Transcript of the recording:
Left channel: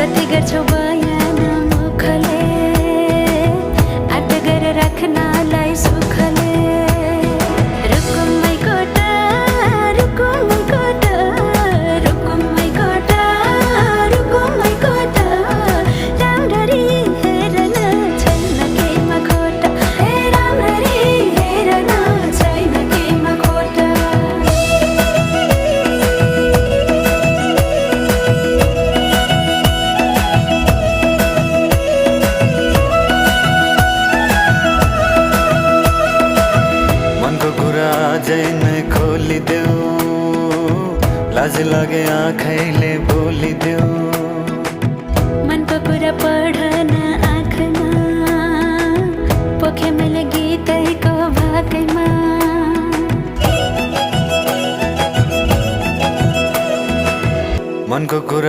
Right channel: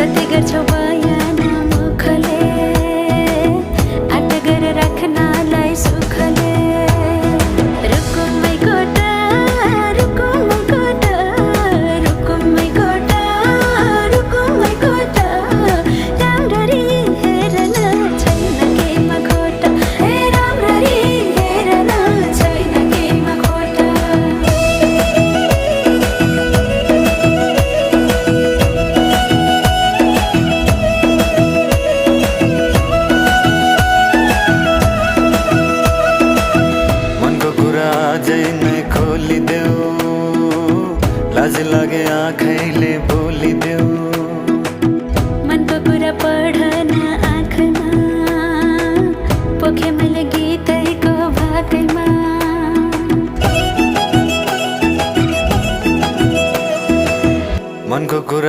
कति गर्छौ बयान मुखले आट गरेर राख्नलाई सुखले रुकुमै कोटा रुकुमै कोटा रुकुमै कोटा रुकुमै कोटा राम्ररी हेर्न छैन केमा खोटा हे राम्ररी हेर्न छैन केमा खोटा मनको कुरा अझै नै खोलिदेऊ लाज लागे आँखैले बोलिदेऊ मनको कुरा पढ्न आँखमा पोखे मैले गीतैको भाकैमा मनको कुरा